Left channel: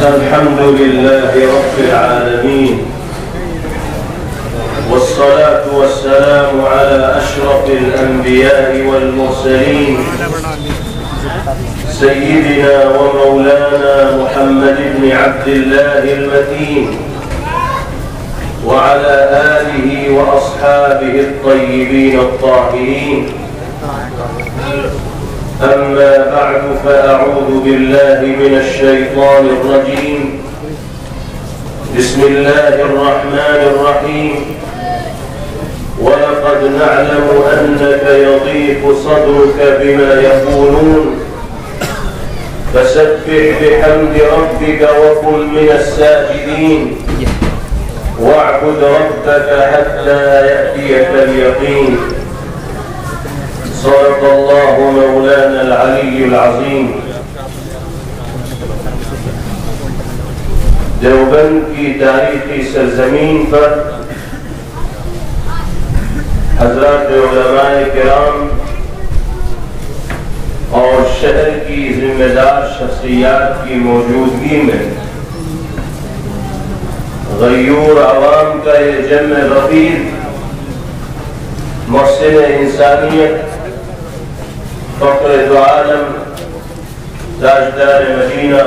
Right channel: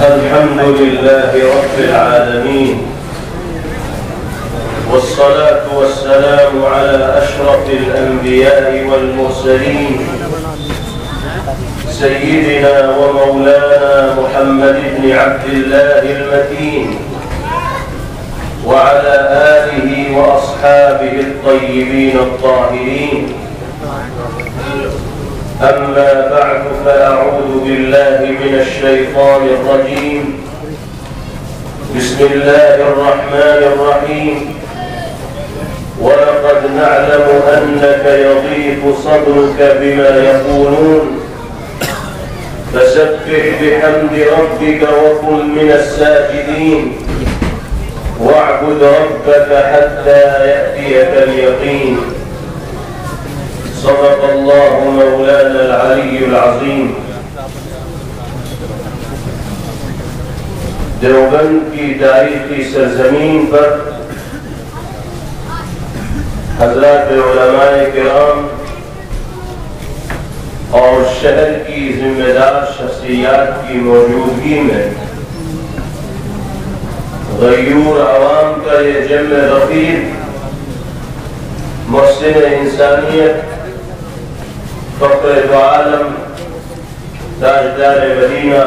الحمد لله رب العالمين، والصلاة والسلام على أشرف الأنبياء والمرسلين سيدنا ومولانا محمد بن عبد الله المتين وعلى آله وأصحابه الطيبين الطاهرين. أما بعد، فأعوذ بالله من الشيطان الرجيم. بسم الله الرحمن الرحيم. ولقد نعلم أنك يضيق صدرك بما يقولون، فسبح بحمد ربك وكن من الساجدين، واعبد ربك حتى يأتيك اليقين. صدق الله مولانا العلي العظيم. دیوبند کی تاریخی سرزمین پر حضرات علماء کرام اور شہر کی ذمہ دار شخصیات کی موجودگی میں غیور عوام کا یہ جمع غفیر محسن انسانیت، فخر دو عالم، تاجدار مدینہ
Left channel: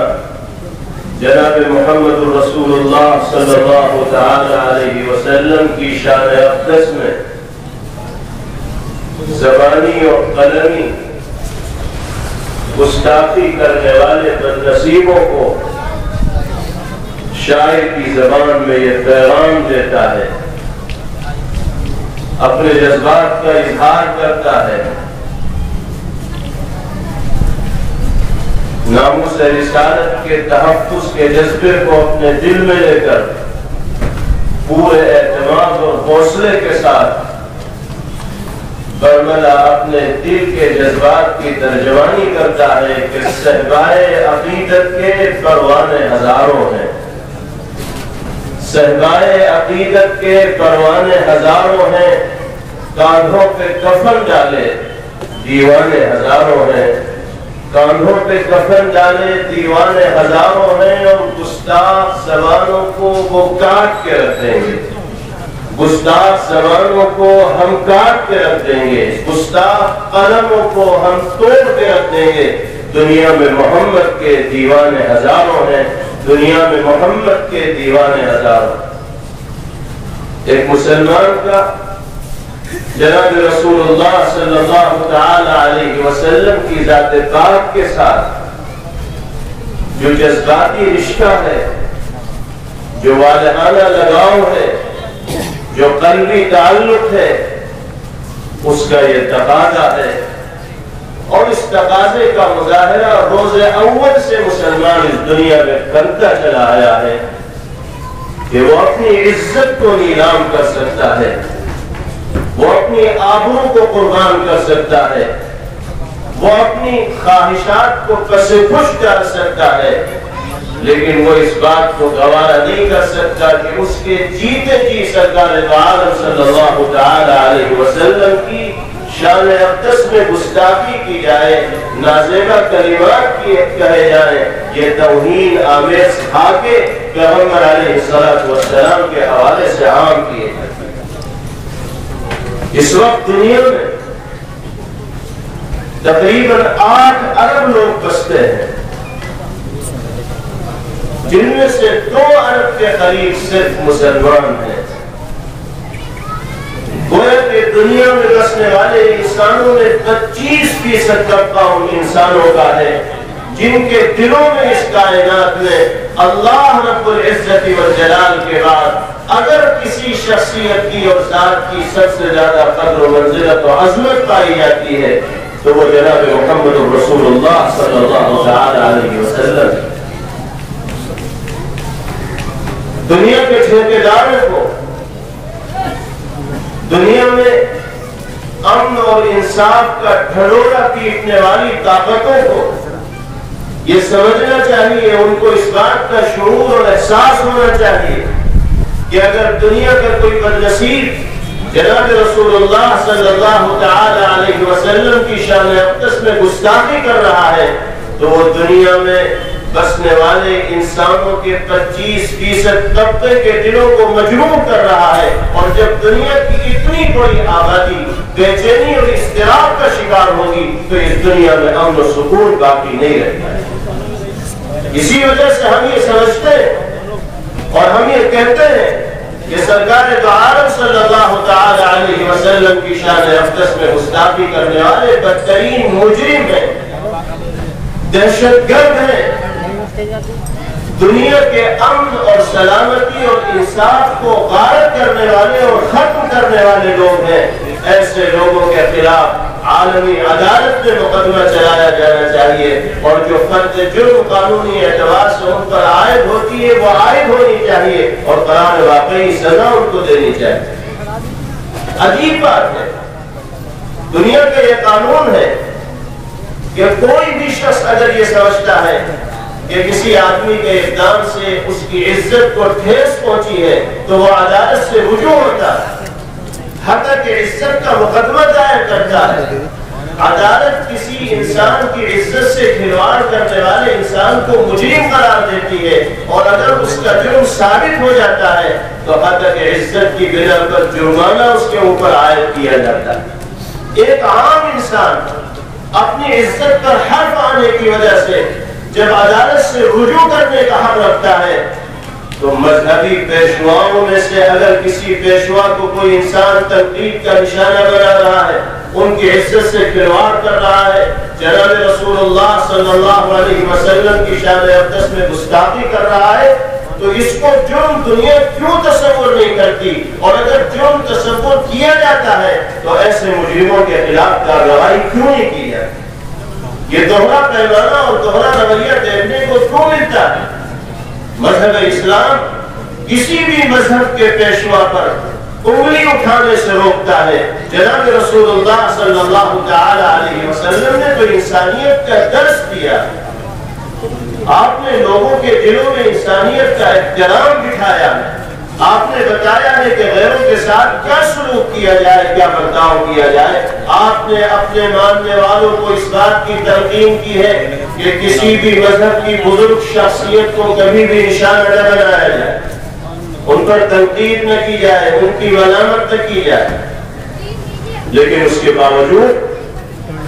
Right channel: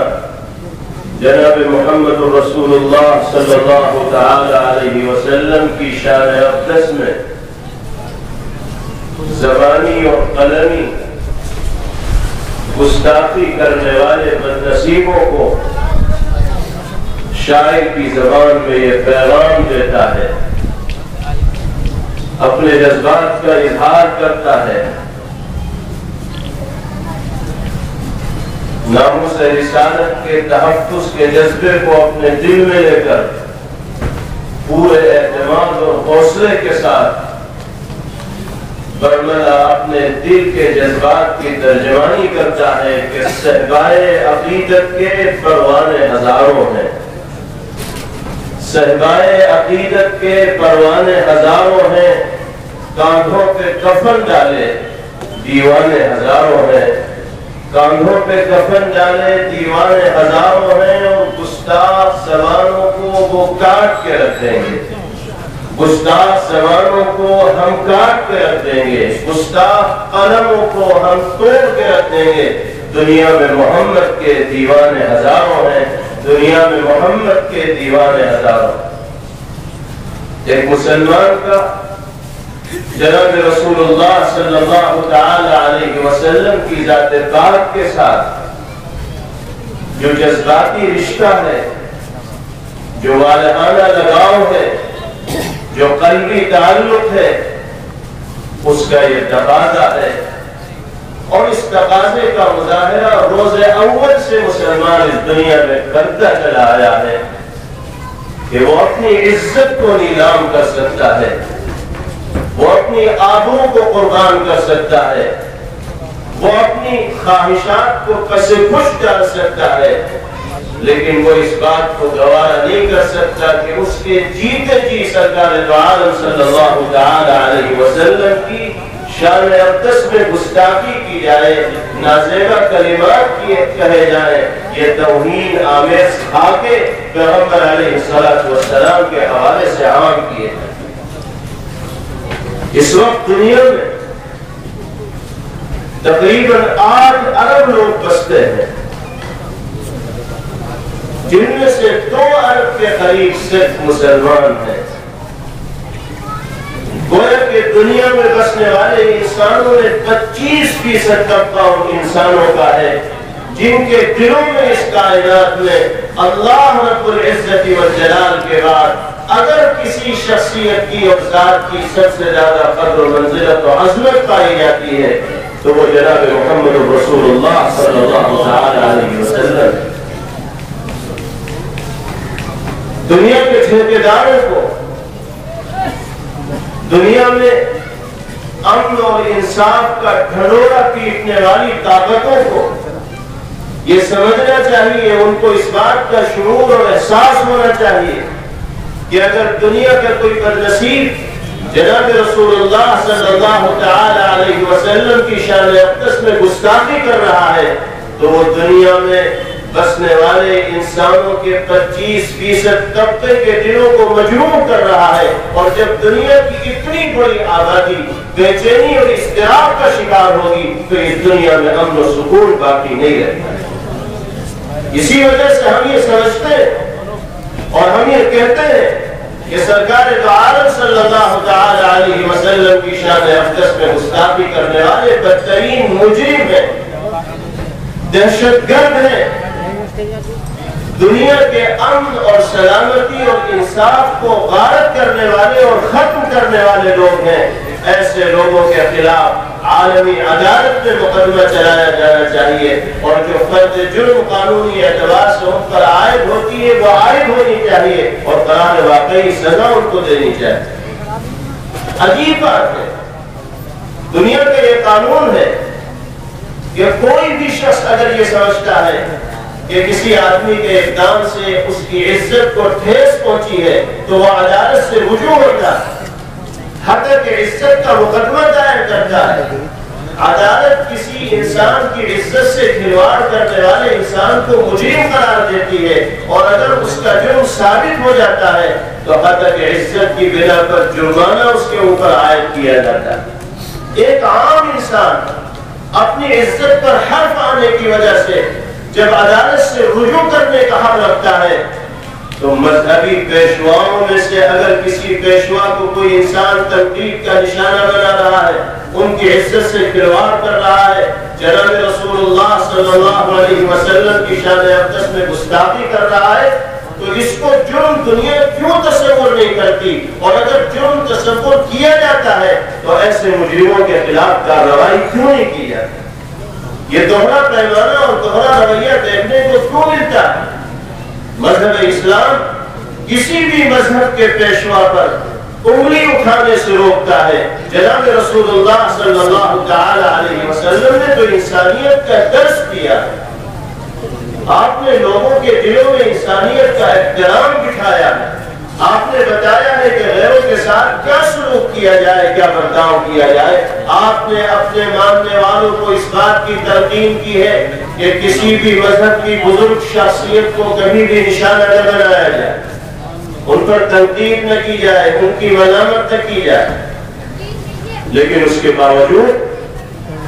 جناب محمد رسول اللہ صلی اللہ تعالی علیہ وسلم کی شان اقدس میں زبانی اور قلمی گستاخی کرنے والے بد نصیبوں کو شاعر کی زبان میں یہ پیغام دیتا ہے، اپنے جذبات کا اظہار کرتا ہے، ناموس رسالت کے تحفظ کے جذبے کو اپنے دل میں لے کر پورے اعتماد اور حوصلے کے ساتھ برملا اپنے دل کے جذبات کی ترجمانی کرتا ہے کہ صحبائے عقیدت کے پروانے ہزاروں ہیں، صحبائے عقیدت کے پروانے ہزاروں ہیں، کاندھوں پہ کفن ڈالے دیوانے ہزاروں ہیں، کاندھوں پہ کفن ڈالے دیوانے ہزاروں ہیں، اور گستاخ زبانوں کو وہ کاٹ کے رکھ دیں گے، گستاخ زبانوں کو ہم کاٹ کے رکھ دیں گے، گستاخ قلموں کو ہم توڑ کے رکھ دیں گے۔ دنیا میں محمد کے دیوانے ہزاروں ہیں، دنیا میں محمد کے دیوانے ہزاروں۔ ایک مسلمان کا جناب رسول اللہ صلی اللہ تعالی علیہ وسلم کی ذات پاک کے ساتھ جو جذباتی رشتہ ہے، جو والہانہ لگاؤ ہے، جو قلبی تعلق ہے، اس کا یہ تقاضا ہے، اور اس تقاضے کا مظاہرہ روز اول سے مسلمان اس دنیا میں کرتا چلا آیا ہے کہ وہ اپنی عزت کو نیلام کر سکتا ہے، وہ اپنی آبرو کو قربان کر سکتا ہے، وہ اپنی خواہشات کو پس پش ڈال سکتا ہے، لیکن وہ اس بات کو گوارا نہیں کر سکتا کہ اس کے جیتے جی سرکار دو عالم صلی اللہ تعالی علیہ وسلم کی شان اقدس میں گستاخی کی جائے، نازیبہ کلمات کہے جائیں، یہ توہین آمیز خاکے پیغمبر علیہ السلام کے حوالے سے عام کیے جائیں۔ اس وقت دنیا میں تقریباً 8 ارب لوگ بستے ہیں، جن میں سے 2 ارب کے قریب صرف مسلمان ہیں۔ گویا کہ دنیا میں بسنے والے انسانوں میں 25% طبقہ ان انسانوں کا ہے جن کے دلوں میں اس کائنات میں اللہ رب العزت والجلال کے بعد اگر کسی شخصیت کی اور ذات کی سب سے زیادہ قدر و منزلت و عظمت پائی جاتی ہے تو وہ جناب محمد رسول اللہ صلی اللہ تعالی علیہ وسلم۔ دنیا کے ٹھیکیداروں کو، دنیا میں امن اور انصاف کا ڈھنڈورا پیٹنے والی طاقتوں کو یہ سمجھنا چاہیے، ان کو اس بات کا شعور اور احساس ہونا چاہیے کہ اگر دنیا کا کوئی بدنصیب جناب رسول اللہ صلی اللہ تعالی علیہ وسلم کی شان اقدس میں گستاخی کر رہا ہے تو وہ دنیا میں بسنے والے انسانوں کے 25% طبقے کے دلوں کو مجروح کر رہا ہے، اور جب دنیا کی اتنی بڑی آبادی بے چینی اور اضطراب کا شکار ہوگی تو اس دنیا میں امن و سکون باقی نہیں رہتا ہے۔ اسی وجہ سے ہم یہ سمجھتے ہیں اور ہم یہ کہتے ہیں کہ سرکار دو عالم صلی اللہ تعالی علیہ وسلم کی شان اقدس میں گستاخی کرنے والے بدترین مجرم ہیں، دہشت گرد ہیں، دنیا کے امن اور سلامتی اور انصاف کو غارت کرنے والے اور ختم کرنے والے لوگ ہیں۔ ایسے لوگوں کے خلاف عالمی عدالت میں مقدمہ چلایا جانا چاہیے، اور جو فرد جرم قانونی اعتبار سے ان پر عائد ہوتی ہے وہ عائد ہونی چاہیے، اور قرار واقعی سزا ان کو دینی چاہیے۔ عجیب بات ہے، دنیا کا یہ قانون ہے کہ کوئی بھی شخص اگر یہ سمجھتا ہے کہ کسی آدمی کے اقدام سے اس کی عزت کو ٹھیس پہنچی ہے تو وہ عدالت سے رجوع ہوتا ہے، حتی کہ عزت کا مقدمہ دائر کرتا ہے۔ عدالت کسی انسان کی عزت سے کھلواڑ کرنے والے انسان کو مجرم قرار دیتی ہے، اور اگر اس کا جرم ثابت ہو جاتا ہے تو حتی کہ عزت کی بنا پر جرمانہ اس کے اوپر عائد کیا جاتا ہے۔ ایک عام انسان اپنی عزت پر حرف آنے کی وجہ سے جب عدالت سے رجوع کرنے کا حق رکھتا ہے تو مذہبی پیشواؤں میں سے اگر کسی پیشوا کو کوئی انسان تنقید کا نشانہ بنا رہا ہے، ان کی عزت سے کھلواڑ کر رہا ہے، جناب رسول اللہ صلی اللہ علیہ وسلم کی شان اقدس میں گستاخی کر رہا ہے، تو اس کو جرم دنیا کیوں تصور نہیں کرتی؟ اور اگر جرم تصور کیا جاتا ہے تو ایسے مجرموں کے خلاف کارروائی کیوں نہیں کی جاتی؟ یہ دوہرا پیمانہ اور دوہرا رویہ دیکھنے کو کیوں ملتا ہے؟ مذہب اسلام کسی بھی مذہب کے پیشوا پر انگلی اٹھانے سے روکتا ہے۔ جناب رسول اللہ صلی اللہ تعالی علیہ وسلم نے تو انسانیت کا درس دیا، آپ نے لوگوں کے دلوں میں انسانیت کا احترام بٹھایا، آپ نے بتایا ہے کہ غیروں کے ساتھ کیا سلوک کیا جائے، کیا برتاؤ کیا جائے۔ آپ نے اپنے ماننے والوں کو اس بات کی تلقین کی ہے کہ کسی بھی مذہب کی بزرگ شخصیت کو کبھی بھی نشانہ نہ بنایا جائے، ان پر تنقید نہ کی جائے، ان کی ملامت نہ کی جائے۔ لیکن اس کے باوجود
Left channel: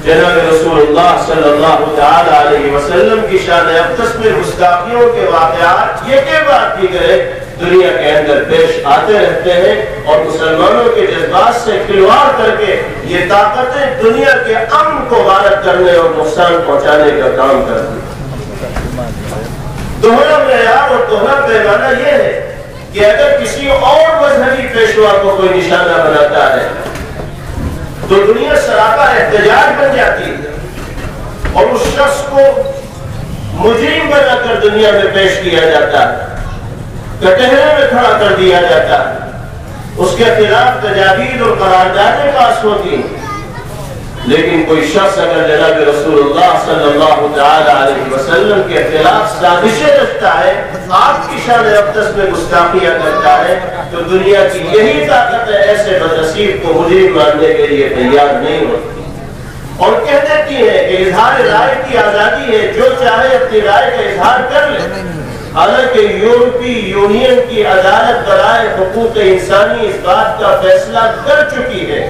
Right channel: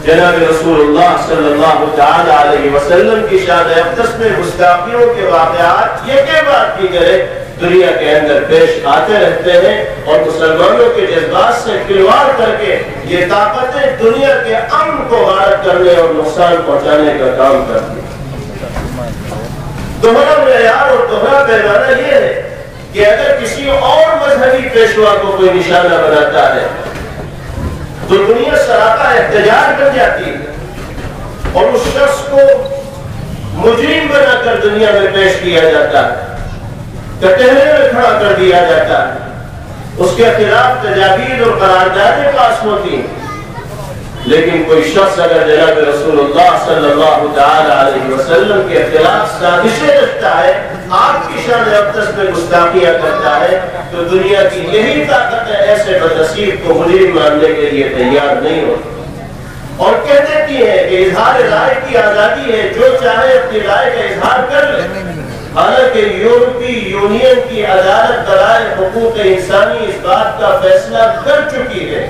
جناب رسول اللہ صلی اللہ تعالی علیہ وسلم کی شان اقدس میں گستاخیوں کے واقعات یہ کہ بات دیگر دنیا کے اندر پیش آتے رہتے ہیں، اور مسلمانوں کے جذبات سے کھلواڑ کر کے یہ طاقتیں دنیا کے امن کو غارت کرنے اور نقصان پہنچانے کا کام کرتی ہیں۔ دوہرا معیار اور دوہرا پیمانہ یہ ہے کہ اگر کسی اور مذہبی پیشوا کو کوئی نشانہ بناتا ہے تو دنیا سراپا احتجاج بن جاتی ہے، اور اس شخص کو مجرم بنا کر دنیا میں پیش کیا جاتا ہے، کٹہرے میں کھڑا کر دیا جاتا ہے، اس کے خلاف تجاویز اور قراردادیں پاس ہوتی ہیں۔ لیکن کوئی شخص اگر جناب رسول اللہ صلی اللہ تعالی علیہ وسلم کے خلاف سازشیں رچتا ہے، آپ کی شان اقدس میں گستاخیاں کرتا ہے، تو دنیا کی یہی طاقت ایسے بدنصیب کو مجرم ماننے کے لیے تیار نہیں ہوتی، اور کہہ دیتی ہے کہ اظہار رائے کی آزادی ہے، جو چاہے اپنی رائے کا اظہار کر لے۔ حالانکہ یورپی یونین کی عدالت برائے حقوق انسانی اس بات کا فیصلہ کر چکی ہے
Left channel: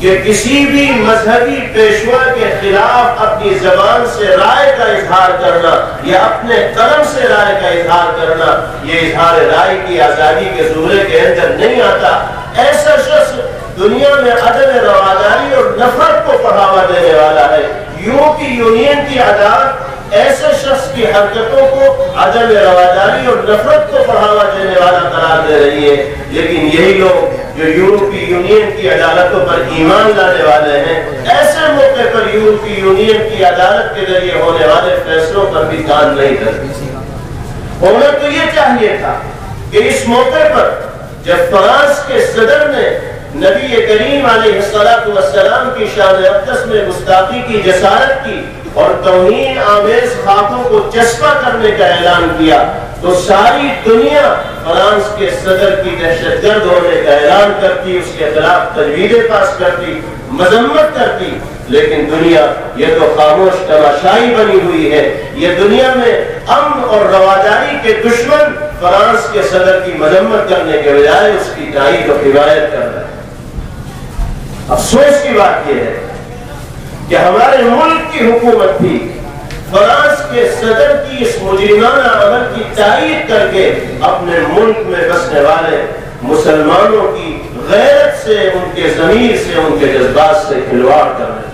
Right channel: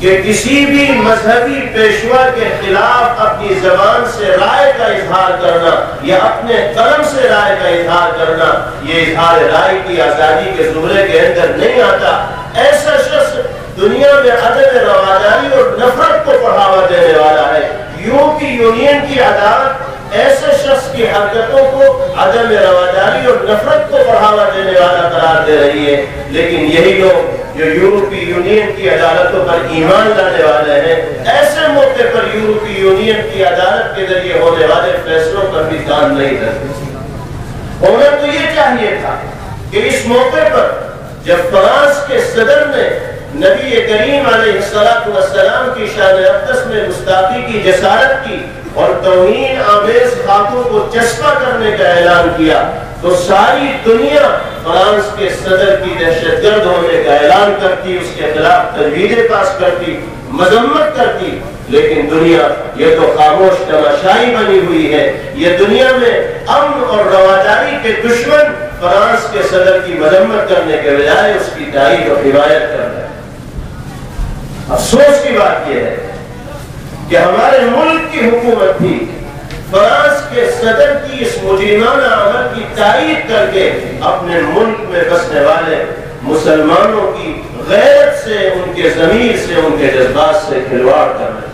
کہ کسی بھی مذہبی پیشوا کے خلاف اپنی زبان سے رائے کا اظہار کرنا یا اپنے قلم سے رائے کا اظہار کرنا، یہ اظہار رائے کی آزادی کے زمرے کے اندر نہیں آتا۔ ایسا شخص دنیا میں عدم رواداری اور نفرت کو بڑھاوا دینے والا ہے۔ یورپی یونین کی عدالت ایسے شخص کی حرکتوں کو عدم رواداری اور نفرت کو بڑھاوا دینے والا قرار دے رہی ہے، لیکن یہی لوگ جو یورپی یونین کی عدالتوں پر ایمان لانے والے ہیں، ایسے موقع پر یورپی یونین کی عدالت کے ذریعے ہونے والے فیصلوں پر بھی کان نہیں کرتے۔ ہونا تو یہ چاہیے تھا کہ اس موقع پر جب فرانس کے صدر نے نبی کریم علیہ السلام کی شان اقدس میں گستاخی کی جسارت کی اور توہین آمیز خاکوں کو چسپاں کرنے کا اعلان کیا، تو ساری دنیا فرانس کے صدر کی دہشت گرد ہونے کا اعلان کرتی، اس کے خلاف تجویزیں پاس کرتی، مذمت کرتی، لیکن دنیا یہ تو خاموش تماشائی بنی ہوئی ہے۔ یہ دنیا میں امن اور رواداری کے دشمن فرانس کے صدر کی مذمت کرنے کے بجائے اس کی تائید و حمایت کر رہے ہیں۔ افسوس کی بات یہ ہے کہ ہمارے ملک کی حکومت بھی فرانس کے صدر کی اس مجرمانہ عمل کی تائید کر کے اپنے ملک میں بسنے والے مسلمانوں کی غیرت سے، ان کے ضمیر سے، ان کے جذبات سے کھلواڑ کر رہے ہیں۔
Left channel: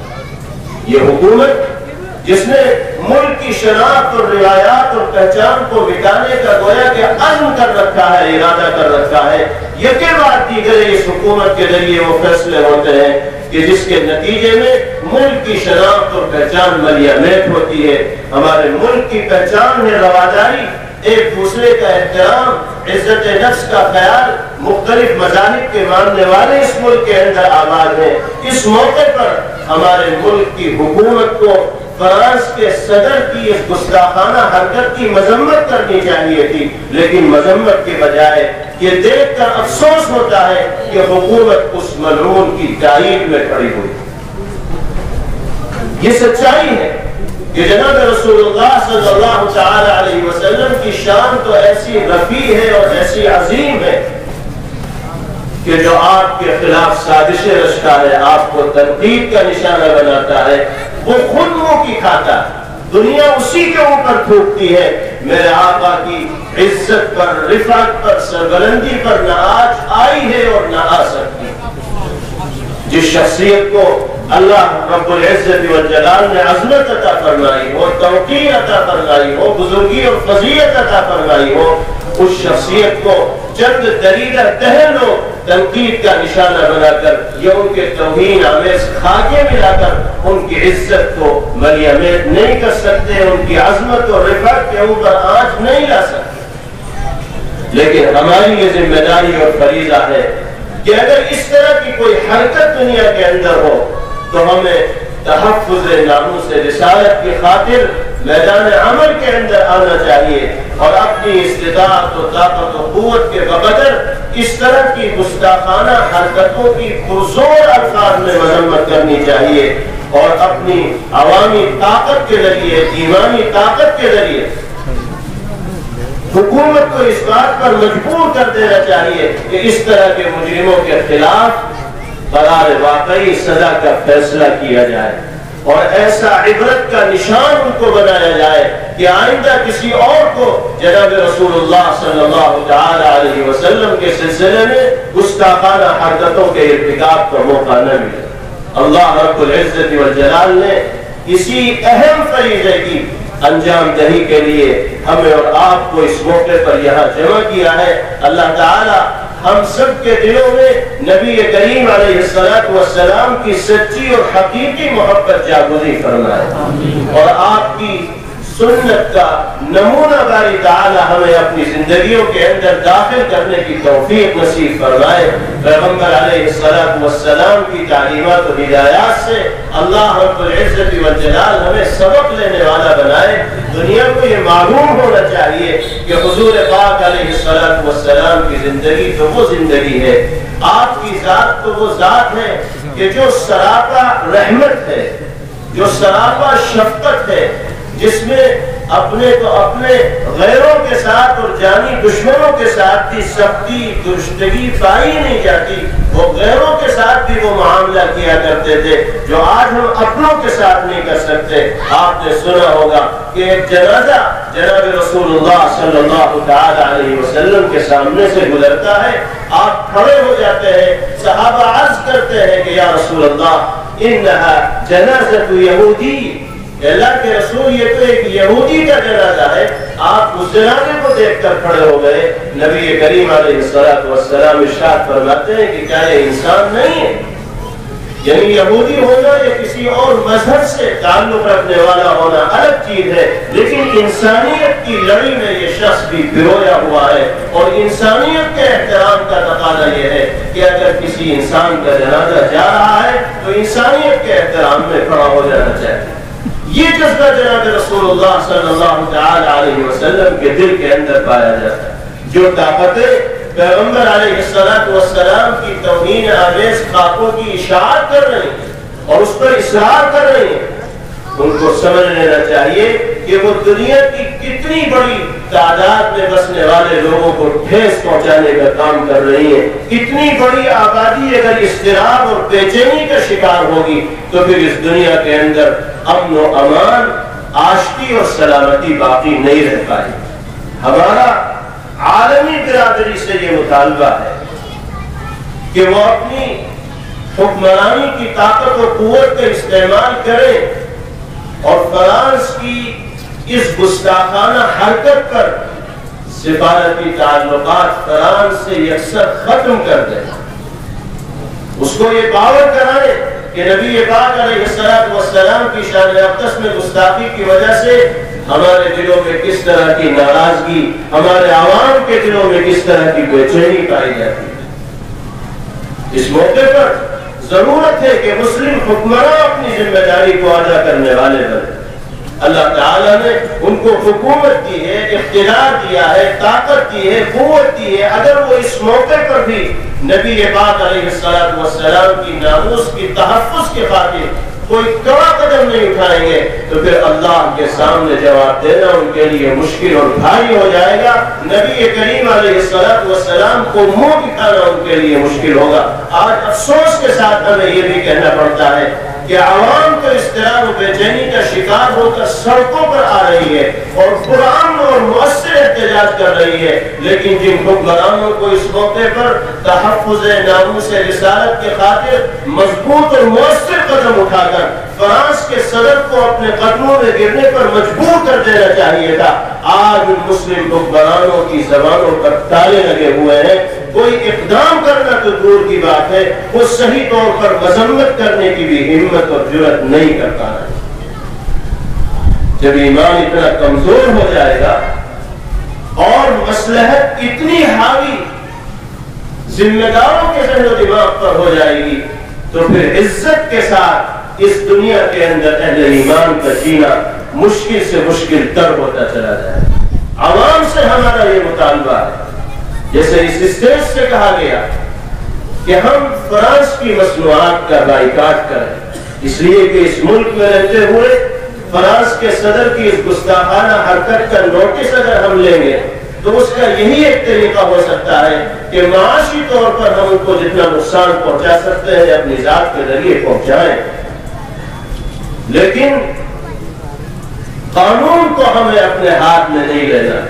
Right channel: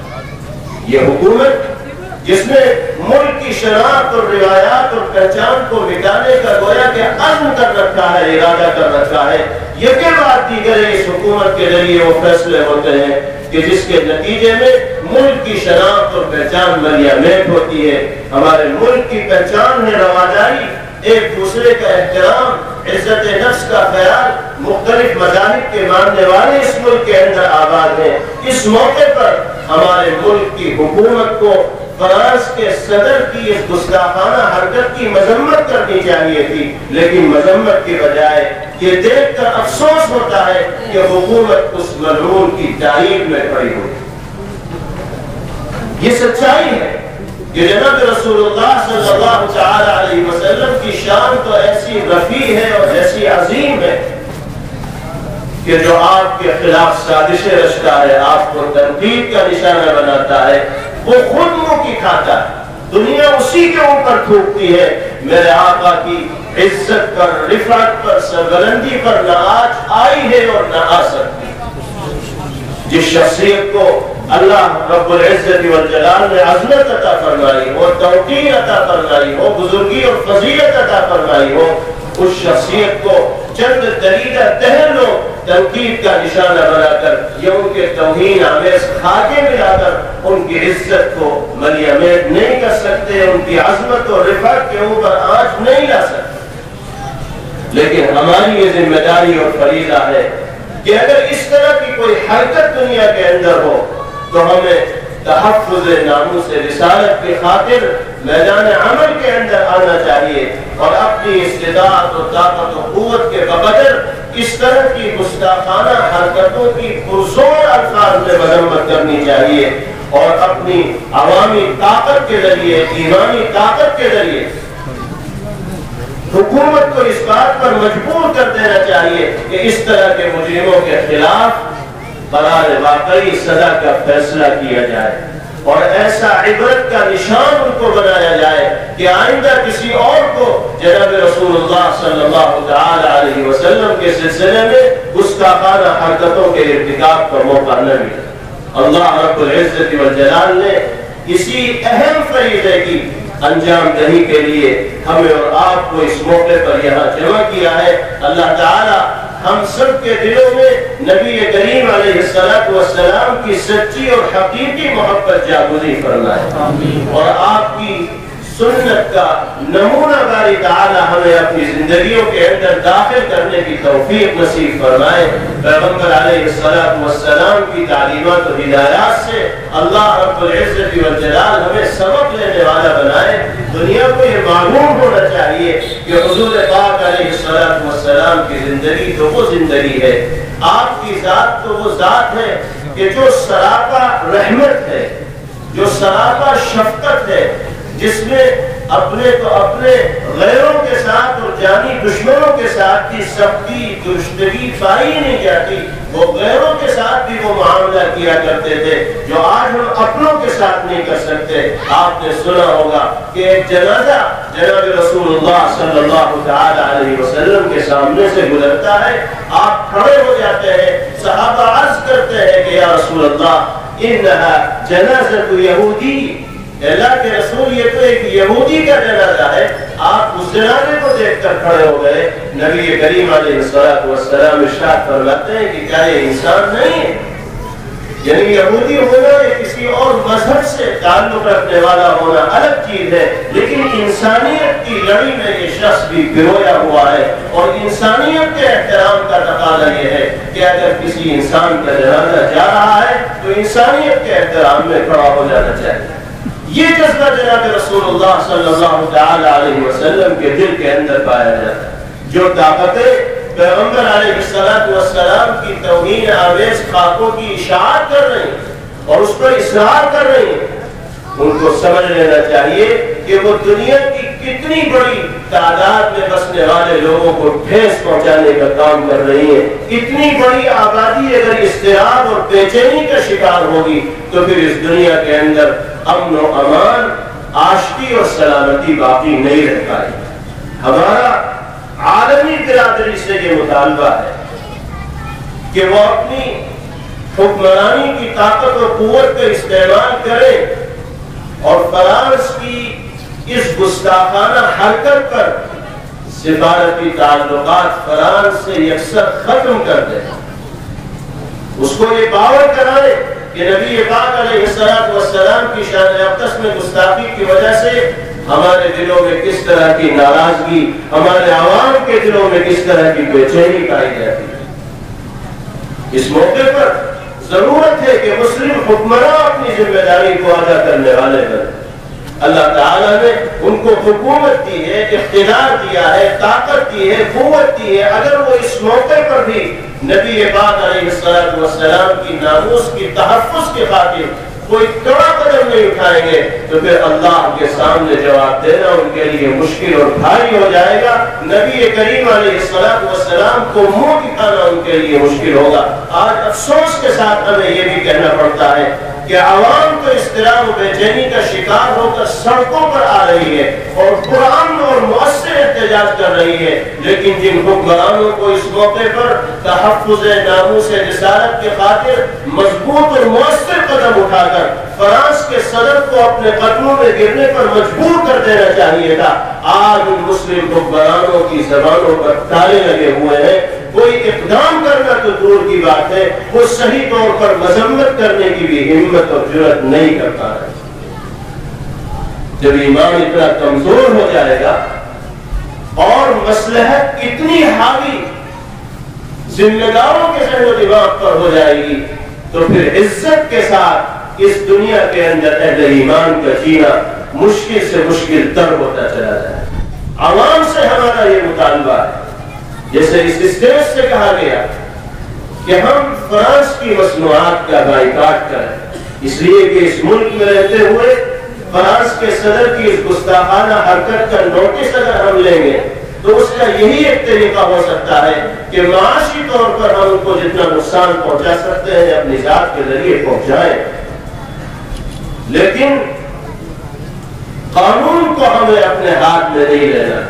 یہ حکومت جس نے ملک کی شناخت اور روایات اور پہچان کو مٹانے کا گویا کہ عزم کر رکھا ہے، ارادہ کر رکھا ہے، یہ کے بعد دیگر اس حکومت کے ذریعے وہ فیصلے ہوتے ہیں کہ جس کے نتیجے میں ملک کی شناخت اور پہچان ملیامت ہوتی ہے۔ ہمارے ملک کی پہچان ہے رواداری، ایک دوسرے کا احترام، عزت نفس کا خیال، مختلف مذاہب کے ماننے والے اس ملک کے اندر آباد ہیں۔ اس موقع پر ہمارے ملک کی حکومت کو فرانس کے صدر کی اس گستاخانہ حرکت کی مذمت کرنی چاہیے تھی، لیکن مذمت کے بجائے یہ دیکھ کر افسوس ہوتا ہے کہ حکومت اس ملعون کی تائید میں کھڑی ہوئی۔ یہ سچائی ہے کہ جناب رسول اللہ صلی اللہ تعالی علیہ وسلم کی شان تو ایسی رفیع ہے اور ایسی عظیم ہے کہ جو آپ کے خلاف سازشیں رچتا ہے، آپ کو تنقید کا نشانہ بناتا ہے، وہ خود منہ کی کھاتا ہے، دنیا اسی کے اوپر تھوکتی ہے۔ میرے آقا کی عزت پر، رفعت پر، سربلندی پر نہ آج آئی ہے اور نہ آ سکتی۔ جس شخصیت کو اللہ رب العزت والجلال نے عظمت عطا فرمائی ہو، توقیر عطا فرمائی ہو، بزرگی اور فضیلت عطا فرمائی ہو، اس شخصیت کو چند دریدہ دہن لوگ تنقید کا نشانہ بنا کر یا ان کے توہین آمیز خاکے ملا کر ان کی عزت کو ملیامت نہیں کر سکتے، ان کی عظمت اور رفعت کے اوپر آنچ نہیں لا سکتے۔ لیکن ہماری یہ ذمہ داری اور فریضہ ہے کہ اگر اس طرح کی کوئی حرکت دنیا کے اندر ہو تو ہمیں تحفظ ناموس رسالت کی خاطر میدان عمل کے اندر آنا چاہیے اور اپنی استطاعت و طاقت و قوت کے بقدر اس طرح کی گستاخانہ حرکتوں کی پرزور الفاظ میں مذمت کرنی چاہیے اور اپنی عوامی طاقت کے ذریعے، ایمانی طاقت کے ذریعے حکومت کو اس بات پر مجبور کر دینا چاہیے کہ اس طرح کے مجرموں کے خلاف قرار واقعی سزا کا فیصلہ کیا جائے اور ایسا عبرت کا نشان ان کو بنایا جائے کہ آئندہ کسی اور کو جناب رسول اللہ صلی اللہ تعالی علیہ وسلم کے سلسلے میں گستاخانہ حرکتوں کے ارتکاب کا موقع نہ ملے۔ اللہ رب العزت والجلال نے اسی اہم فریضے کی انجام دہی کے لیے ہمیں اور آپ کو اس موقع پر یہاں جمع کیا ہے۔ اللہ تعالی ہم سب کے دلوں میں نبی کریم علیہ السلام کی سچی اور حقیقی محبت جاگزی فرمائے اور آپ کی سنت کا نمونہ باری تعالی ہمیں اپنی زندگیوں کے اندر داخل کرنے کی توفیق نصیب فرمائے۔ پیغمبر علیہ السلام کی تعلیمات و ہدایات سے اللہ رب العزت والجلال ہمیں سبق لینے والا بنائے۔ دنیا کو یہ معلوم ہونا چاہیے کہ حضور پاک علیہ السلام کی زندگی تو وہ زندگی ہے، آپ کی ذات تو وہ ذات ہے کہ جو سراپا رحمت ہے، جو سراپا شفقت ہے، جس میں اپنے تو اپنے غیروں کے ساتھ اور جانی دشمنوں کے ساتھ بھی سختی درشتگی پائی نہیں جاتی، وہ غیروں کے ساتھ بھی وہ معاملہ کیا کرتے تھے جو آج ہم اپنوں کے ساتھ نہیں کر سکتے۔ آپ نے سنا ہوگا کہ ایک جنازہ جناب رسول اللہ صلی اللہ تعالی علیہ وسلم کے سامنے سے گزرتا ہے، آپ کھڑے ہو جاتے ہیں، صحابہ عرض کرتے ہیں کہ یا رسول اللہ انہا جنازۃ یہودی، اللہ کے رسول یہ تو ایک یہودی کا جنازہ ہے۔ آپ اس جنازے کو دیکھ کر کھڑے ہو گئے۔ نبی کریم علیہ السلام ارشاد فرماتے ہیں کہ کیا یہ انسان نہیں ہے؟ یعنی یہودی ہونا یا کسی اور مذہب سے تعلق رکھنے والا ہونا الگ چیز ہے، لیکن انسانیت کی لڑی میں یہ شخص بھی پرویا ہوا ہے اور انسانیت کے احترام کا تقاضا یہ ہے کہ اگر کسی انسان کا جنازہ جا رہا ہے تو انسانیت کے احترام میں کھڑا ہو جانا چاہیے۔ یہ جذبہ جناب رسول اللہ صلی اللہ تعالی علیہ وسلم کے دل کے اندر پایا جاتا ہے، جو طاقتیں پیغمبر علیہ السلام کی توہین آمیز خاکوں کی اشاعت کر رہی ہیں اور اس پر اصرار کر رہی ہیں، ان کو سمجھ لینا چاہیے کہ وہ دنیا کی کتنی بڑی تعداد میں بسنے والے لوگوں کو ٹھیس پہنچانے کا کام کر رہی ہیں۔ اتنی بڑی آبادی اگر اضطراب اور بے چینی کا شکار ہوگی تو پھر اس دنیا کے اندر امن و امان، آشتی اور سلامتی باقی نہیں رہ پائے۔ ہمارا عالمی برادری سے یہ مطالبہ ہے کہ وہ اپنی حکمرانی کی طاقت و قوت کا استعمال کریں اور فرانس کی اس گستاخانہ حرکت پر سفارتی تعلقات فرانس سے یکسر ختم کر دیں، اس کو یہ باور کرائے کہ نبی پاک علیہ السلام کی شان اقدس میں گستاخی کی وجہ سے ہمارے دلوں میں کس طرح کی ناراضگی، ہمارے عوام کے دلوں میں کس طرح کی بے چینی پائی جاتی ہے۔ اس موقع پر ضرورت ہے کہ مسلم حکمراں اپنی ذمہ داری کو ادا کرنے والے بنے۔ اللہ تعالیٰ نے ان کو حکومت دی ہے، اقتدار دیا ہے، طاقت دی ہے، قوت دی ہے، اگر وہ اس موقع پر بھی نبی پاک علیہ السلام کی ناموس کی تحفظ کے خاطر کوئی کڑا قدم نہیں اٹھائیں گے تو پھر اللہ کے سامنے جواب دینا ان کے لیے مشکل اور بھاری ہو جائے گا۔ نبی کریم علیہ السلام کو منہ دکھانا ان کے لیے مشکل ہوگا۔ آج افسوس کے ساتھ ہمیں یہ بھی کہنا پڑتا ہے کہ عوام کو اضطراب و بے چینی کا شکار ہو کر سڑکوں پر آ رہی ہے اور قرآن اور مؤثر احتجاج کر رہی ہے، لیکن جن حکمرانوں کو اس موقع پر تحفظ ناموس رسالت کے خاطر مضبوط اور مؤثر قدم اٹھا کر فرانس کے صدر کو اپنے قدموں میں گرنے پر مجبور کر دینا چاہیے تھا، آج ان مسلم حکمرانوں کی زبانوں پر تالے لگے ہوئے ہیں۔ کوئی اقدام کرنا تو دور کی بات ہے، وہ صحیح طور پر مذمت کرنے کی بھی ہمت اور جرأت نہیں کرتا ہے۔ جب ایمان اتنا کمزور ہو جائے گا اور مصلحت اتنی حاوی ذمہ داروں کے ذہن و دماغ پر ہو جائے گی تو پھر عزت کے ساتھ اس دنیا کے اندر اہل ایمان کا جینا مشکل سے مشکل تر ہوتا چلا جائے۔ عوام سے ہمارا یہ مطالبہ ہے، جیسے اس اسٹیج سے کہا گیا کہ ہم فرانس کی مصنوعات کا بائیکاٹ کریں، اس لیے کہ اس ملک میں رہتے ہوئے فرانس کے صدر کی اس گستاخانہ حرکت کا نوٹس اگر ہم لیں گے تو اس کا یہی ایک طریقہ ہو سکتا ہے کہ معاشی طور پر ہم ان کو جتنا نقصان پہنچا سکتے ہیں اپنی ذات کے ذریعے پہنچائیں، لیکن قانون کو ہمیں اپنے ہاتھ میں نہیں لینا،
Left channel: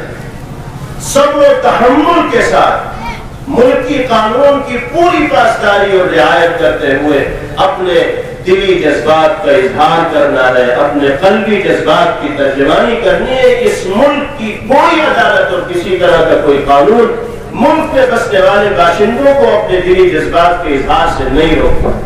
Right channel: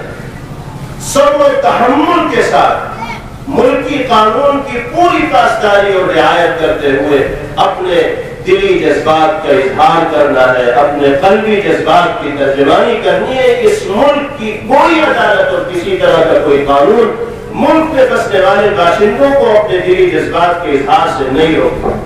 صبر و تحمل کے ساتھ ملکی قانون کی پوری پاسداری اور رعایت کرتے ہوئے اپنے دلی جذبات کا اظہار کرنا ہے، اپنے قلبی جذبات کی ترجمانی کرنی ہے۔ اس ملک کی کوئی عدالت اور کسی طرح کا کوئی قانون ملک میں بسنے والے باشندوں کو اپنے دلی جذبات کے اظہار سے نہیں روکتا۔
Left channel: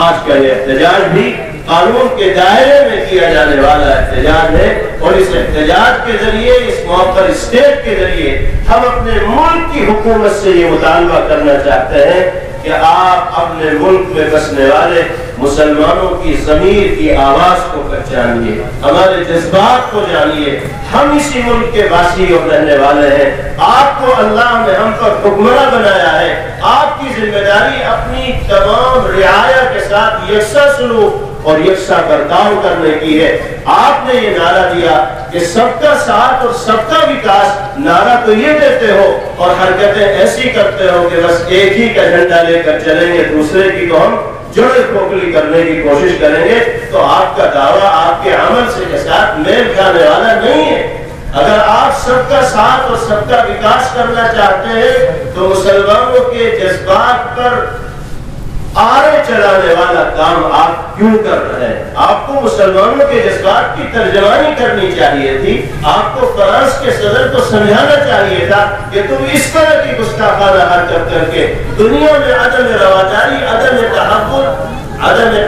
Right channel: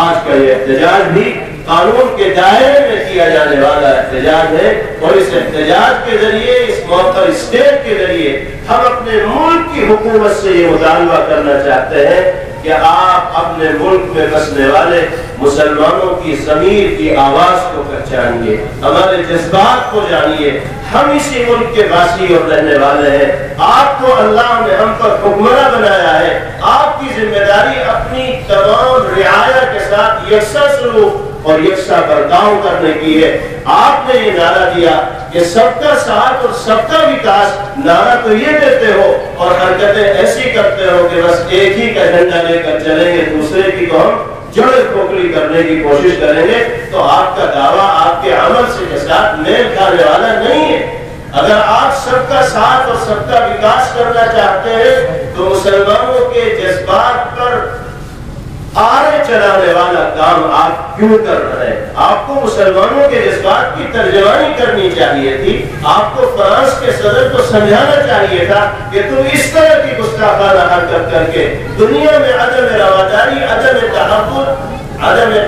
آج کا یہ احتجاج بھی قانون کے دائرے میں کیا جانے والا احتجاج ہے، اور اس احتجاج کے ذریعے، اس موقع اسٹیج کے ذریعے ہم اپنے ملک کی حکومت سے یہ مطالبہ کرنا چاہتے ہیں کہ آپ اپنے ملک میں بسنے والے مسلمانوں کی ضمیر کی آواز کو پہچانیے، ہمارے جذبات کو جانیے۔ ہم اسی ملک کے باسی اور رہنے والے ہیں، آپ کو اللہ نے ہم پر حکمراں بنایا ہے، آپ کی ذمہ داری اپنی تمام رعایا کے ساتھ یکساں سلوک اور یکساں برتاؤ کرنے کی ہے۔ آپ نے یہ نعرہ دیا کہ سب کا ساتھ اور سب کا وکاس، نعرہ تو یہ دیتے ہو اور حرکتیں ایسی کرتے ہو کہ بس ایک ہی کا جھنڈا لے کر چلیں گے، دوسرے کی تو ہم جڑیں کھوکھلی کرنے کی کوشش کریں گے، تو آپ کا دعویٰ آپ کے عمل سے کے ساتھ میل کھانے والا نہیں ہے۔ اگر آپ سب کا ساتھ اور سب کا وکاس کرنا چاہتے ہیں تو مسلمانوں کے جذبات پر آرے چلانے والا کام آپ کیوں کر رہے ہیں؟ آپ کو مسلمانوں کے جذبات کی ترجمانی کرنی چاہیے تھی، آپ کو فرانس کے صدر کو سمجھانا چاہیے تھا کہ تم اس طرح کی گستاخانہ حرکت کر کے دنیا میں عدم رواداری، عدم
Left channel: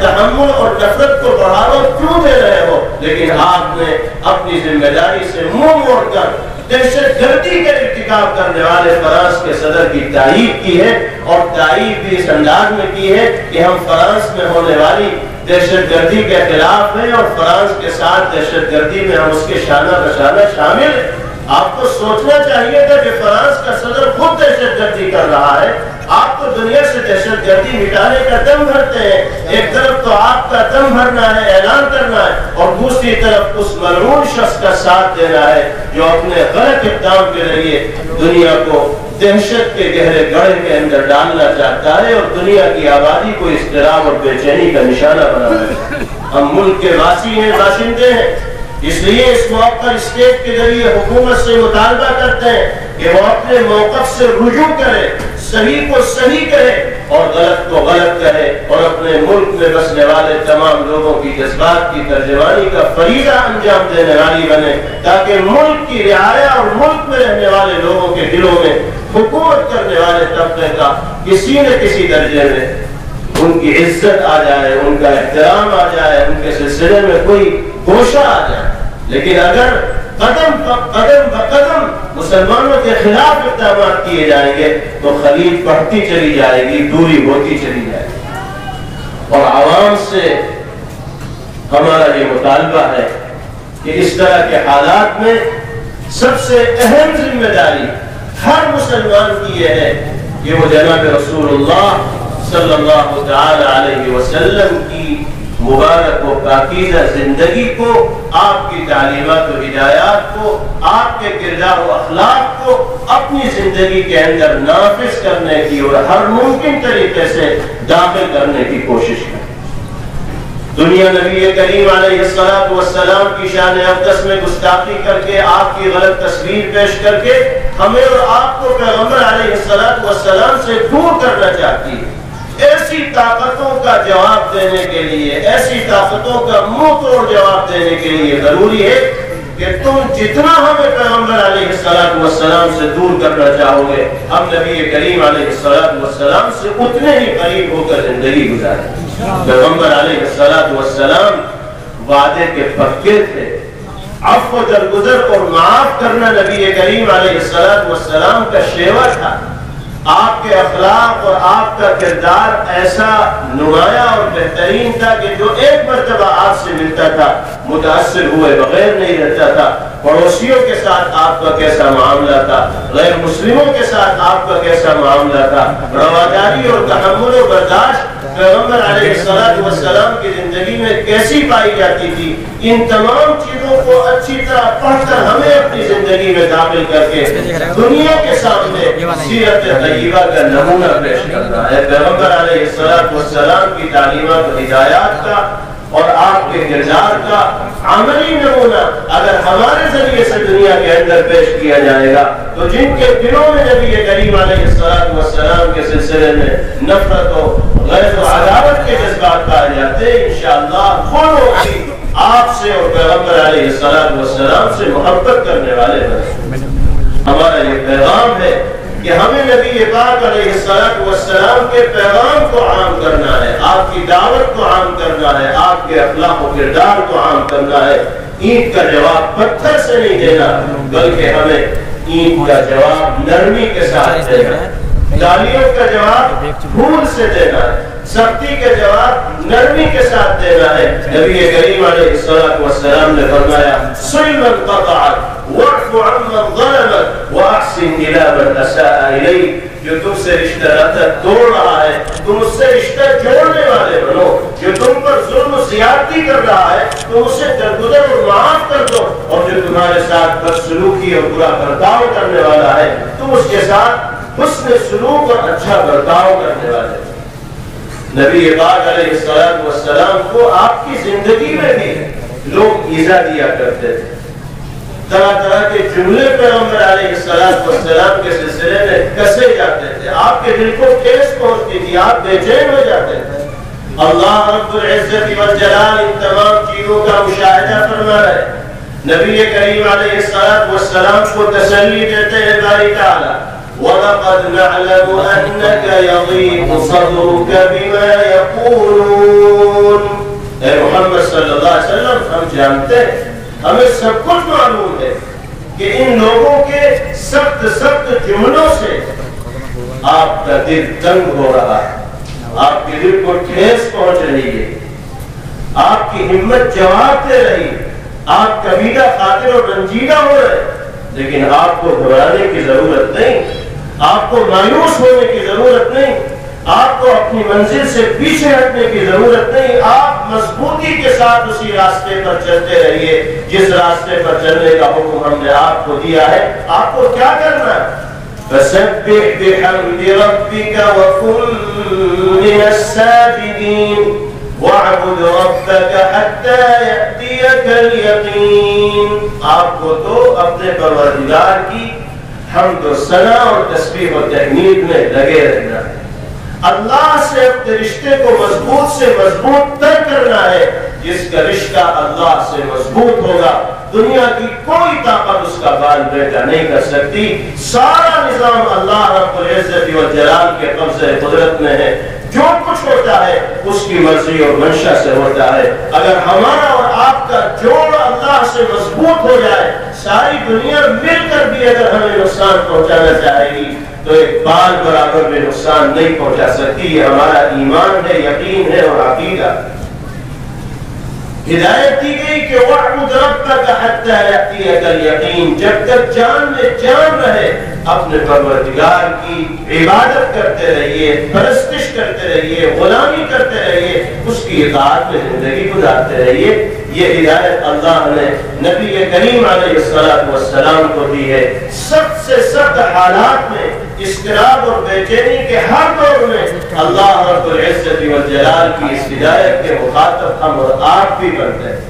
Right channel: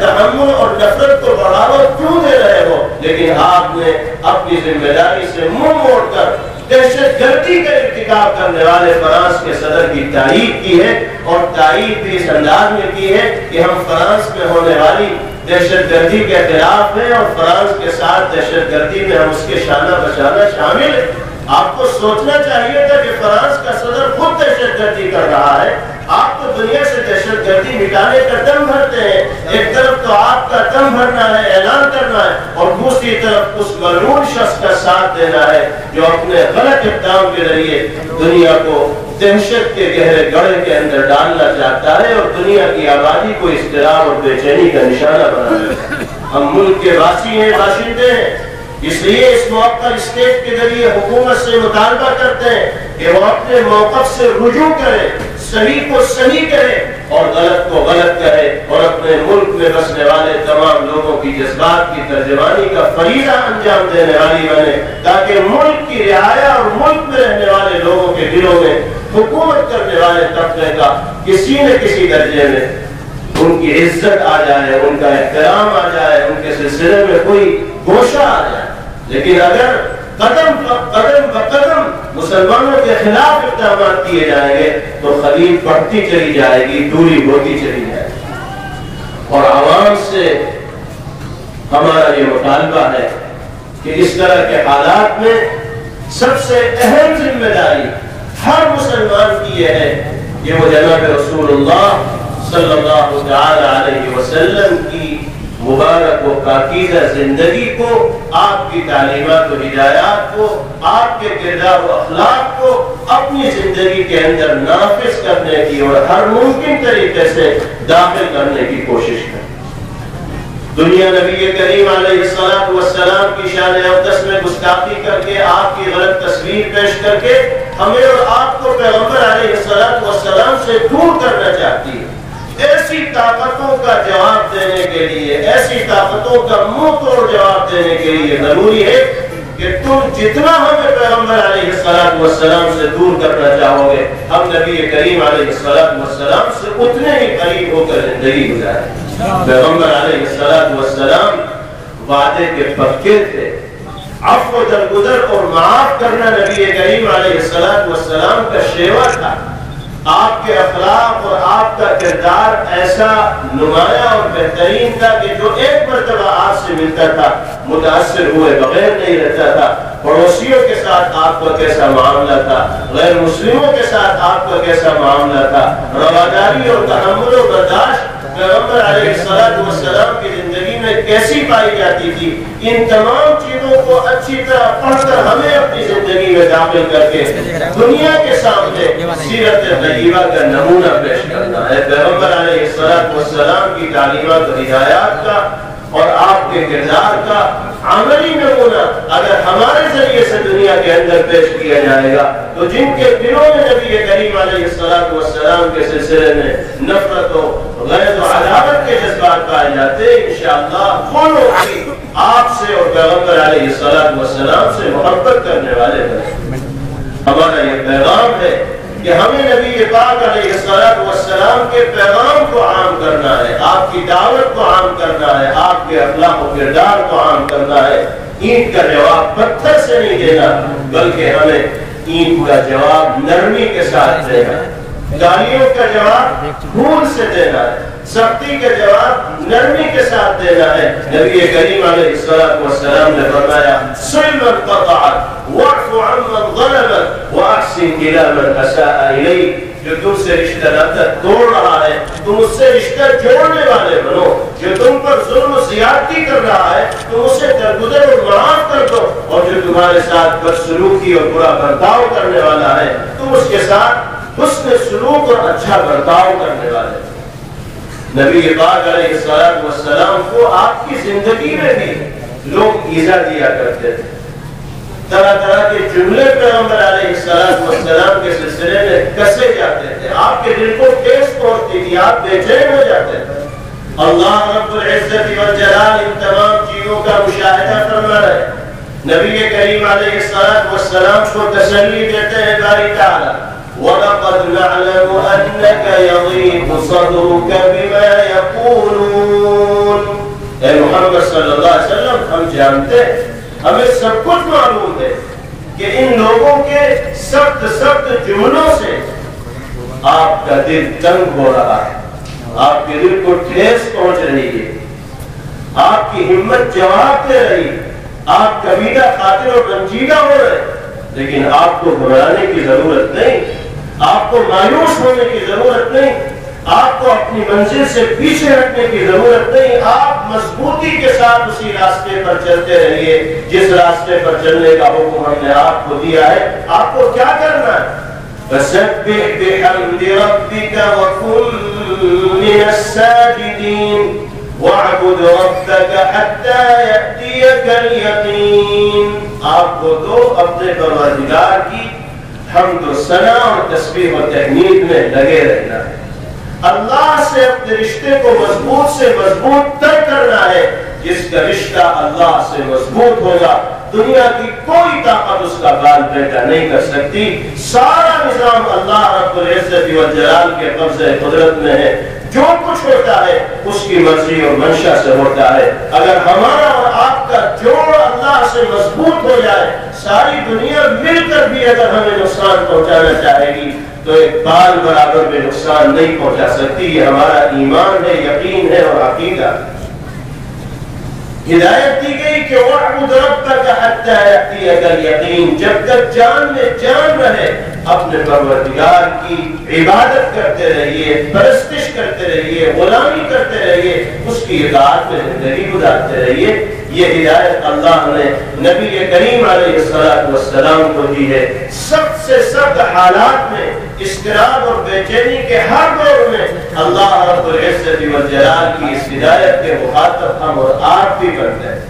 تحمل اور نفرت کو بڑھاوا کیوں دے رہے ہو؟ لیکن آپ نے اپنی ذمہ داری سے منہ موڑ کر دہشت گردی کا ارتکاب کرنے والے فرانس کے صدر کی تائید کی ہے، اور تائید بھی اس انداز میں کی ہے کہ ہم فرانس میں ہونے والی دہشت گردی کے خلاف ہیں اور فرانس کے ساتھ دہشت گردی میں ہم اس کے شانہ بشانہ شامل ہیں۔ آپ کو سوچنا چاہیے تھا کہ فرانس کا صدر خود دہشت گردی کر رہا ہے، آپ تو دنیا سے دہشت گردی مٹانے کا دم بھرتے ہیں۔ ایک طرف تو آپ کا دم بھرنا ہے، اعلان کرنا ہے، اور دوسری طرف اس ملعون شخص کا ساتھ دینا ہے جو اپنے غلط اقدام کے ذریعے دنیا کو دہشت کے گہرے گڑھے کے اندر ڈالنا چاہتا ہے اور دنیا کی آبادی کو اضطراب اور بے چینی کا نشانہ بنانا ہے۔ ہم ملک کے واسی ہیں، باشندے ہیں، اس لیے اس موقع پر اسٹیٹ کے ذریعے حکومت سے مطالبہ کرتے ہیں کہ وہ اپنے موقف سے رجوع کرے، صحیح کو صحیح کہے اور غلط کو غلط کہے، اور اپنے ملک میں بسنے والے تمام لوگوں کی جذبات کی ترجمانی کا فریضہ انجام دینے والی بنے، تاکہ ملک کی رعایا اور ملک میں رہنے والے لوگوں کے دلوں میں حکومت کرنے والے طبقے کا کسی نہ کسی درجے میں ان کی عزت آ جائے، ان کا احترام آ جائے، ان کے سلسلے میں کوئی گوشہ آ جائے۔ لیکن اگر قدم بقدم مسلمانوں کے خلاف اقدامات کیے جائیں گے تو خلیج بڑھتی چلی جائے گی، دوری ہوتی چلی جائے گی۔ اور عوام سے ہمارا یہ مطالبہ ہے کہ اس طرح کے حالات میں سب سے اہم ذمہ داری ہر مسلمان کی یہ ہے کہ وہ جناب رسول اللہ صلی اللہ تعالی علیہ وسلم کی مبارک و پاکیزہ زندگی کو، آپ کی تعلیمات و ہدایات کو، آپ کے کردار و اخلاق کو اپنی زندگی کے اندر نافذ کرنے کی اور ہر ممکن طریقے سے داخل کرنے کی کوشش کریں۔ دنیا نبی کریم علیہ السلام کی شان اقدس میں گستاخی کر کے، آپ کی غلط تصویر پیش کر کے ہمیں اور آپ کو پیغمبر علیہ السلام سے دور کرنا چاہتی ہے۔ ایسی طاقتوں کا جواب دینے کے لیے، ایسی طاقتوں کا منہ توڑ جواب دینے کے لیے ضروری ہے کہ تم جتنا ہمیں پیغمبر علیہ السلام سے دور کرنا چاہو گے، ہم نبی کریم علیہ السلام سے اتنے ہی قریب ہو کر زندگی گزاریں۔ پیغمبر علیہ السلام وعدے کے پکے تھے، عفو درگزر اور معاف کرنا نبی کریم علیہ السلام کا شیوا تھا۔ آپ کے اخلاق اور آپ کا کردار ایسا نمایاں اور بہترین تھا کہ جو ایک مرتبہ آپ سے ملتا تھا متاثر ہوئے بغیر نہیں رہتا تھا۔ پڑوسیوں کے ساتھ آپ کا کیسا معاملہ تھا، غیر مسلموں کے ساتھ آپ کا کیسا معاملہ تھا، رواداری اور تحمل و برداشت پیغمبر علیہ السلام کی زندگی میں کیسی پائی جاتی تھی، ان تمام چیزوں کو اچھی طرح پڑھ کر ہمیں اپنی زندگی میں داخل کر کے دنیا کے سامنے سیرت طیبہ کا نمونہ پیش کرنا ہے۔ پیغمبر علیہ السلام کی تعلیمات و ہدایات کا اور آپ کے کردار کا عملی نمونہ اگر ہمارے ذریعے سے دنیا کے اندر پیش کیا جائے گا تو جن کے دلوں میں نبی کریم علیہ السلام کے سلسلے میں نفرت و غیظ و عداوت کے جذبات پائے جاتے ہیں، انشاءاللہ وہ لوگ آپ سے اور پیغمبر علیہ السلام سے محبت کرنے والے بنے۔ ہمارا یہ پیغام ہے کہ ہمیں نبی پاک علیہ السلام کے پیغام کو عام کرنا ہے، آپ کی دعوت کو عام کرنا ہے، آپ کے اخلاق و کردار کو عام کرنا ہے۔ اینٹ کا جواب پتھر سے نہیں دینا بلکہ ہمیں اینٹ کا جواب نرمی کے ساتھ دینا ہے، گالیوں کا جواب پھول سے دینا ہے، سختی کا جواب نرمی کے ساتھ دینا ہے۔ نبی کریم علیہ السلام نے فرمایا صل من قطعک واعف عمن ظلمک واحسن الی من اساء الیک، جو تم سے رشتہ ناطہ توڑ رہا ہے تم اس سے رشتہ جوڑنے والے بنو، جو تم پر ظلم و زیادتی کر رہا ہے تم اسے درگزر اور معاف کر دو، اور جو تمہارے ساتھ بدسلوکی اور برا برتاؤ کرنے والا ہے تم اس کے ساتھ حسن سلوک اور اچھا برتاؤ کرنے والے۔ نبی پاک علیہ السلام کو آپ کی زندگی میں بھی لوگ ایذا دیا کرتے تھے، طرح طرح کے جملے پیغمبر علیہ السلام کے سلسلے میں کسے جاتے تھے، آپ کے دل کو ٹھیس پہنچتی تھی، آپ بے چین ہو جاتے تھے۔ اللہ رب العزت والجلال ان تمام چیزوں کا مشاہدہ فرما رہے، نبی کریم علیہ السلام کو تسلی دیتے ہیں باری تعالی وَلَقَدْ نَعْلَمُ أَنَّكَ يَضِيقُ صَدْرُكَ بِمَا يَقُولُونَ۔ اے محمد صلی اللہ علیہ وسلم ہم جانتے ہیں، ہمیں سب کچھ معلوم ہے کہ ان لوگوں کے سخت جملوں سے آپ کا دل تنگ ہو رہا ہے، آپ کے دل کو ٹھیس پہنچ رہی ہے۔ آپ کی ہمت جواب دے رہی، آپ کبیرہ خاطر اور رنجیدہ ہو رہے، لیکن آپ کو گھبرانے کی ضرورت نہیں، آپ کو مایوس ہونے کی ضرورت نہیں، آپ کو اپنی منزل سے پیچھے ہٹنے کی ضرورت نہیں، آپ مضبوطی کے ساتھ اسی راستے پر چلتے رہیے جس راستے پر چلنے کا حکم ہم نے آپ کو دیا ہے۔ آپ کو کیا کرنا ہے؟ فَسَبِّحْ بِحَمْدِ رَبِّكَ وَكُن مِّنَ السَّاجِدِينَ وَاعْبُدْ رَبَّكَ حَتَّى يَأْتِيَكَ الْيَقِينُ۔ آپ کو تو اپنے پروردگار کی حمد و ثنا اور تسبیح و تحمید میں لگے رہنا ہے، اللہ سے اپنے رشتے کو مضبوط سے مضبوط تر کرنا ہے۔ جس کا رشتہ اللہ سے مضبوط ہوگا دنیا کی کوئی طاقت اس کا بال بیٹا نہیں کر سکتی۔ سارا نظام اللہ رب العزت والجلال کے قبضہ قدرت میں ہے، جو کچھ ہوتا ہے اس کی مرضی اور منشا سے ہوتا ہے۔ اگر ہمارا اور آپ کا جوڑ اللہ سے مضبوط ہو جائے، ساری دنیا مل کر بھی اگر ہمیں نقصان پہنچانا چاہے گی تو ایک بال برابر میں نقصان نہیں پہنچا سکتی۔ یہ ہمارا ایمان ہے، یقین ہے اور عقیدہ۔ ہدایت دی گئی کہ وَاعْبُدْ رَبَّكَ حَتَّى يَأْتِيَكَ الْيَقِينُ، جب تک جان میں جان رہے اپنے پروردگار کی عبادت کرتے رہیے، پرستش کرتے رہیے، غلامی کرتے رہیے، اس کی اطاعت میں زندگی گزارتے رہیے۔ یہ ہدایت اللہ نے نبی کریم علیہ السلام کو دی ہے۔ سخت سے سخت حالات میں، اضطراب اور بے چینی کے ہر دور میں اللہ رب العزت والجلال کی اس ہدایت کے مخاطب ہم اور آپ بھی بنتے ہیں۔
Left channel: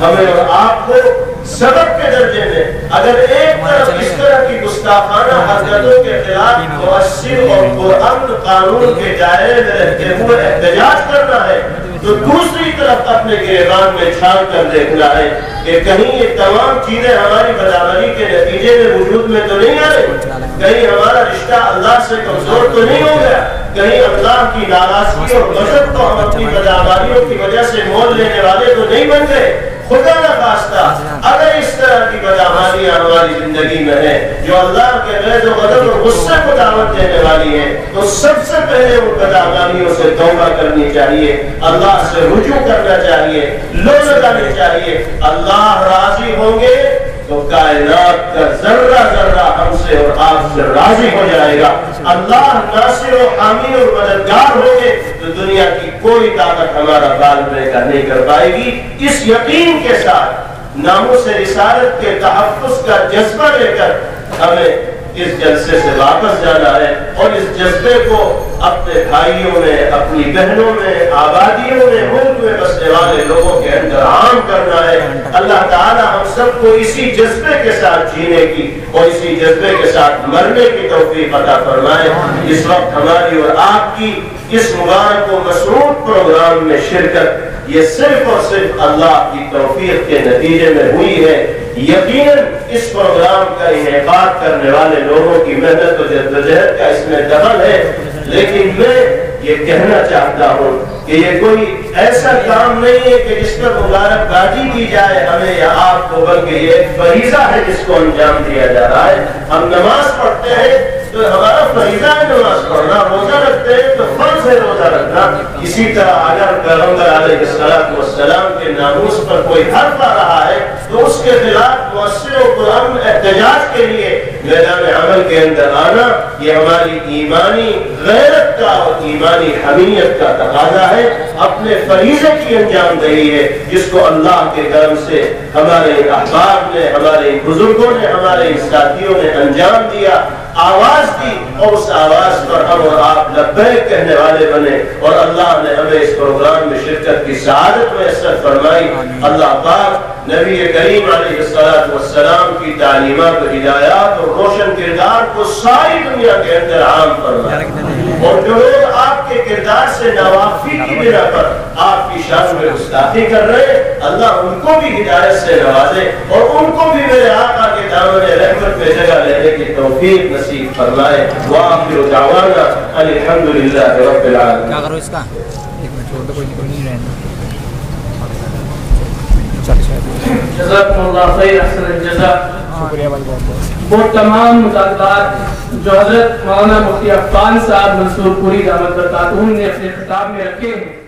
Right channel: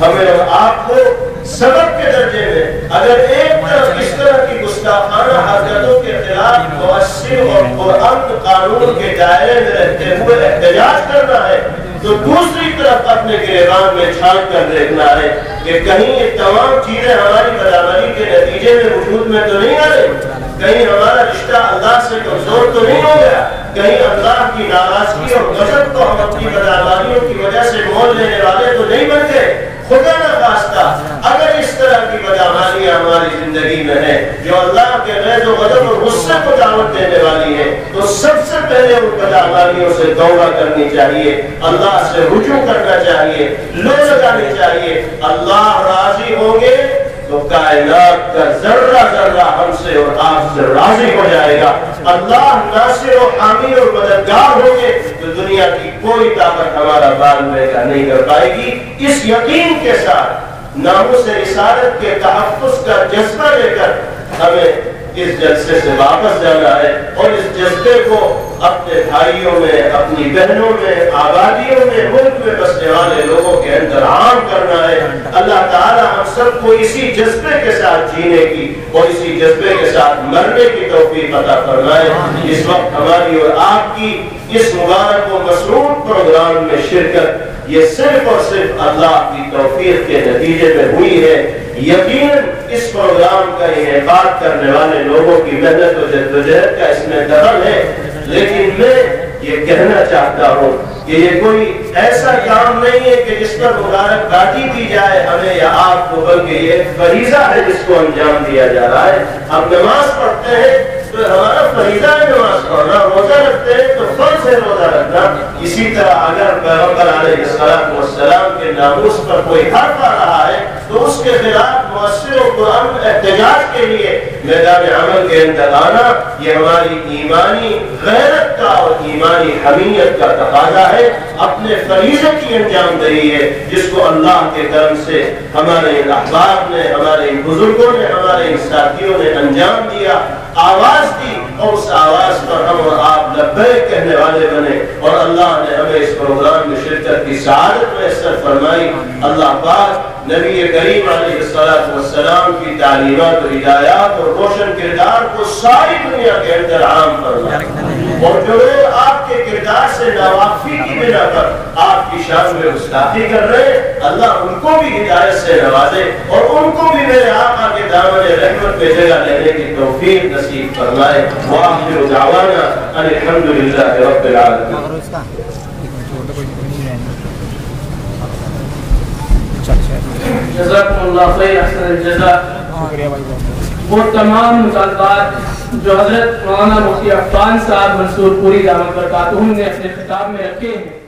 ہمیں اور آپ کو سبق کے درجے میں اگر ایک طرف اس طرح کی گستاخانہ حرکتوں کے خلاف مؤثر اور پرامن قانون کے دائرے میں رہتے ہوئے احتجاج کرنا ہے، تو دوسری طرف اپنے گریبان میں چھان کر دیکھنا ہے کہ کہیں یہ تمام چیزیں ہماری بدعملی کے نتیجے میں وجود میں تو نہیں آ رہی، کہیں ہمارا رشتہ اللہ سے کمزور تو نہیں ہو گیا، کہیں اللہ کی ناراضگی اور غضب کو ہم اپنی بدعملیوں کی وجہ سے مول لینے والے تو نہیں بن گئے۔ خدا نخواستہ اگر اس طرح کی بدعمالیاں ہماری زندگی میں ہیں جو اللہ کے غیظ و غضب اور غصے کو دعوت دینے والی ہیں، تو سب سے پہلے ان بدعمالیوں سے توبہ کرنی چاہیے، اللہ سے رجوع کرنا چاہیے، لو لگانی چاہیے۔ اللہ راضی ہوں گے تو کائنات کا ذرہ ذرہ ہم سے اور آپ سے راضی ہو جائے گا۔ اللہ ناصر و حامی اور مددگار ہوں گے تو دنیا کی کوئی طاقت ہمارا بال بیٹا نہیں کر پائے گی۔ اس یقین کے ساتھ ناموس رسالت کے تحفظ کا جذبہ لے کر ہمیں اس جلسے سے واپس جانا ہے اور اس جذبے کو اپنے بھائیوں میں، اپنی بہنوں میں، آبادیوں میں، ملک میں بسنے والے لوگوں کے اندر عام کرنا ہے۔ اللہ تعالی ہم سب کو اسی جذبے کے ساتھ جینے کی اور اسی جذبے کے ساتھ مرنے کی توفیق عطا فرمائے۔ اس وقت ہماری اور آپ کی اس مبارک و مسعود پروگرام میں شرکت یہ صرف اور صرف اللہ کی توفیق کے نتیجے میں ہوئی ہے۔ یقیناً اس پروگرام کا انعقاد کرنے والے لوگوں کی محنت و جدوجہد کا اس میں دخل ہے، لیکن میں یہ کہنا چاہتا ہوں کہ یہ کوئی ایسا کام نہیں ہے کہ جس پر مبارکبادی دی جائے ہمیں یا آپ کو، بلکہ یہ ایک فریضہ ہے جس کو انجام دیا جا رہا ہے۔ ہم نماز پڑھتے ہیں تو ہمارا فریضہ ہے نماز پڑھنا، روزہ رکھتے ہیں تو فرض ہے روزہ رکھنا۔ اسی طرح اگر پیغمبر علیہ السلام کے ناموس پر کوئی حرف آ رہا ہے تو اس کے خلاف مؤثر و پرامن احتجاج کے لیے میدان عمل کے اندر آنا یہ ہماری ایمانی غیرت کا اور ایمانی حمیت کا تقاضا ہے، اپنے فریضے کی انجام دہی ہے جس کو اللہ کے کرم سے ہمارے احباب نے، ہمارے بزرگوں نے، ہمارے ساتھیوں نے انجام دیا، آواز دی، اور اس آواز پر ہم اور آپ لبیک کہنے والے بنے اور اللہ نے ہمیں اس پروگرام میں شرکت کی سعادت میسر فرمائی۔ اللہ پاک نبی کریم علیہ السلام کی تعلیمات و ہدایات اور روشن کردار کو ساری دنیا کے اندر عام فرمائے، اور جو لوگ آپ کے کردار سے ناواقفی کی بنا پر آپ کی شان میں گستاخی کر رہے ہیں، اللہ ان کو بھی ہدایت سے نوازے اور ان کو بھی میرے آقا کے دامن رحمت میں جگہ لینے کی توفیق نصیب فرمائے۔ وآخر دعوانا ان الحمدللہ رب العالمین۔ جزاکم اللہ خیر، احسن الجزا۔ وہ تمام مطالبات جو حضرت مولانا مفتی عفان صاحب منصور پوری دامت برکاتہ نے اپنے خطاب میں رکھے ہیں